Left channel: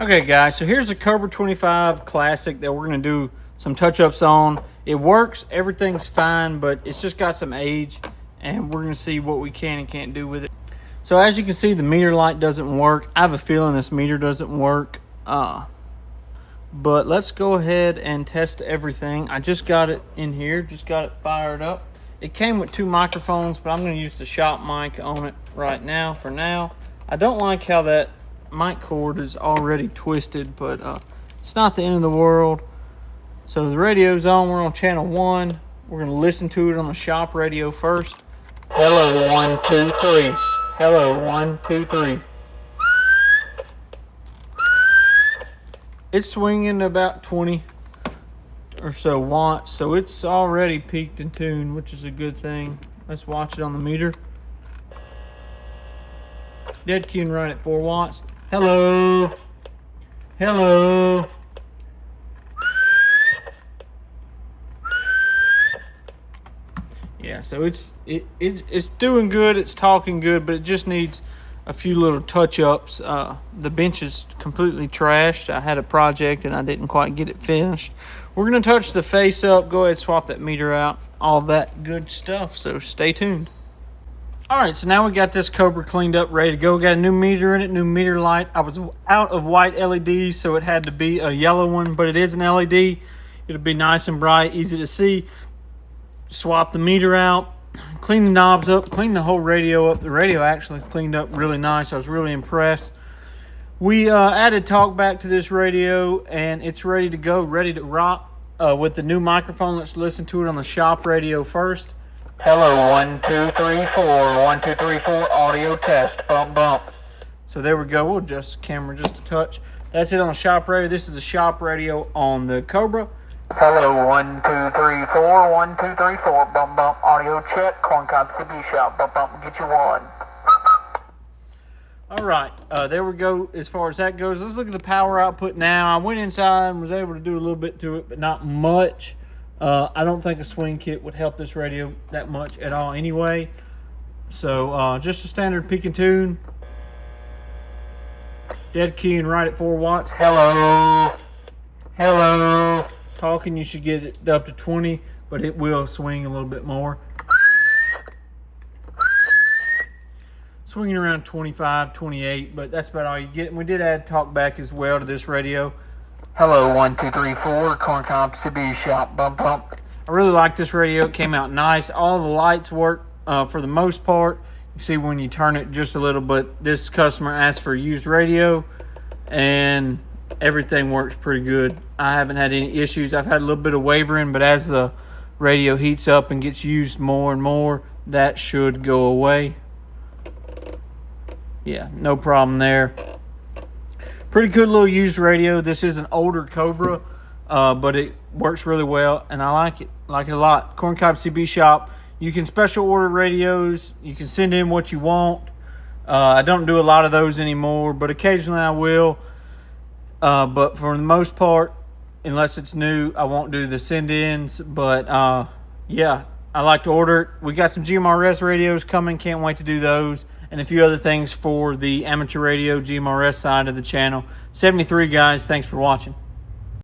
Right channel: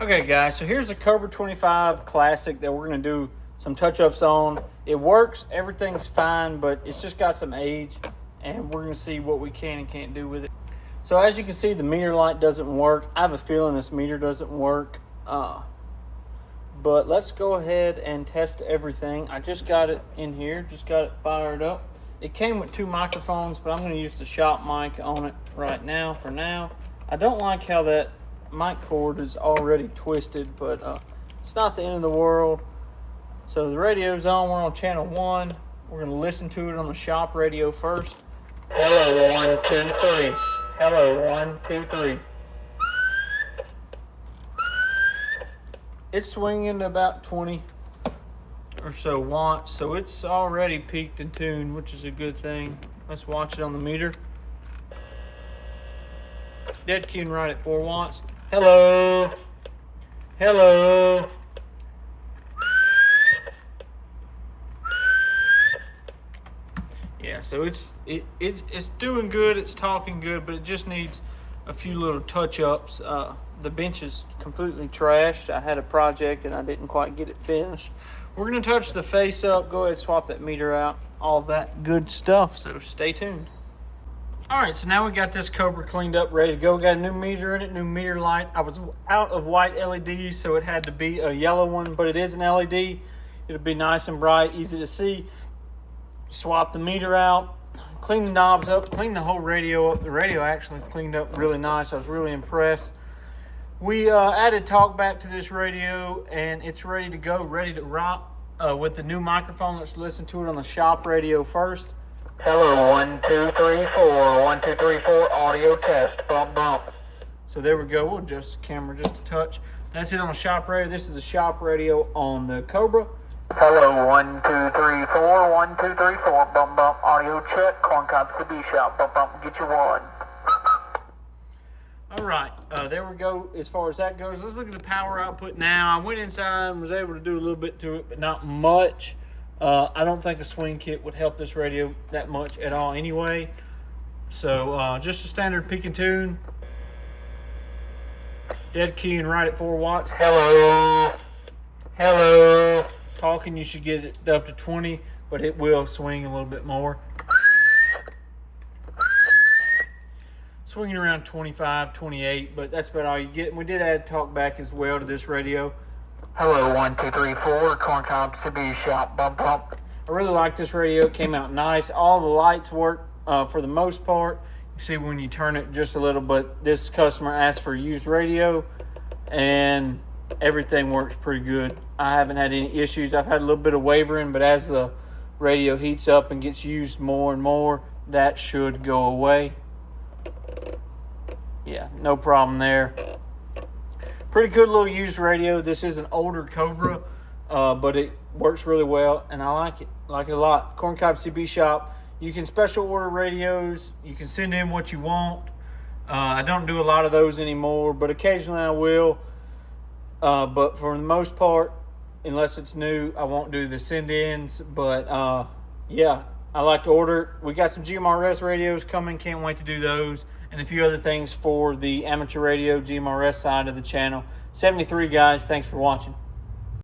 Okay guys, so here's the Cobra 25 Classic that we're gonna do some touch-ups on. It works, everything's fine, but it's just got some age, and we're gonna see what we can and can't do with it. So as you can see, the meter light doesn't work. I have a feeling this meter doesn't work, but let's go ahead and test everything. I just got it in here, just got it fired up. It came with 2 microphones, but I'm gonna use the shop mic on it right now for now. I don't like how that mic cord is already twisted, but it's not the end of the world. So the radio's on, we're on channel 1. We're gonna listen to it on the shop radio first. Hello, 1, 2, 3. Hello, 1, 2, 3. It's swinging about 20 or so watts, so it's already peaked and tuned, which is a good thing. Let's watch it on the meter. Dead queuing right at 4 watts. Hello. Hello. Yeah, so it's doing good, it's talking good, but it just needs a few little touch-ups. The bench is completely trashed. I had a project and I didn't quite get it finished. We're gonna touch the face up, go ahead, swap that meter out, all that good stuff, so stay tuned. All right, so now we got this Cobra cleaned up, ready to go. We got a new meter in it, new meter light. I was out of white LEDs, so it had to be a yellow one, but it is an LED. It'll be nice and bright, easy to see. Swap the meter out, clean the knobs up, clean the whole radio up. The radio actually cleaned up really nice. I was really impressed. We added talkback to this radio, and it's ready to go, ready to rock with the new microphone. Let's listen to it on the shop radio first. Hello, 1, 2, 3, 4. 1, 2, 3, 4. Audio test. Bump, bump. So there we go. We'll adjust the camera just a touch. That's it on shop radio. This is the shop radio on the Cobra. Hello, 1, 2, 3, 4. 1, 2, 3, 4. Bump, bump. Audio check. Corncob CB shop. Bump, bump. Get you one. All right. There we go. As far as that goes, let's look at the power output now. I went inside and was able to do a little bit to it, but not much. I don't think a swing kit would help this radio that much at all anyway. So just a standard peak and tune. Dead keying right at 4 watts. Hello. Hello. Talking, you should get it up to 20, but it will swing a little bit more. Swinging around 25, 28, but that's about all you get. And we did add talkback as well to this radio. Hello, 1, 2, 3, 4. Corncob CB shop. Bump, bump. I really like this radio. It came out nice. All the lights work for the most part. You see when you turn it just a little, but this customer asked for a used radio, and everything works pretty good. I haven't had any issues. I've had a little bit of wavering, but as the radio heats up and gets used more and more, that should go away. Yeah, no problem there. Pretty good little used radio. This is an older Cobra, but it works really well, and I like it. Like it a lot. Corncob CB shop. You can special order radios. You can send in what you want. I don't do a lot of those anymore, but occasionally I will. But for the most part, unless it's new, I won't do the send-ins. But yeah, I like to order it. We got some GMRS radios coming. Can't wait to do those. And a few other things for the amateur radio GMRS side of the channel. 73 guys, thanks for watching.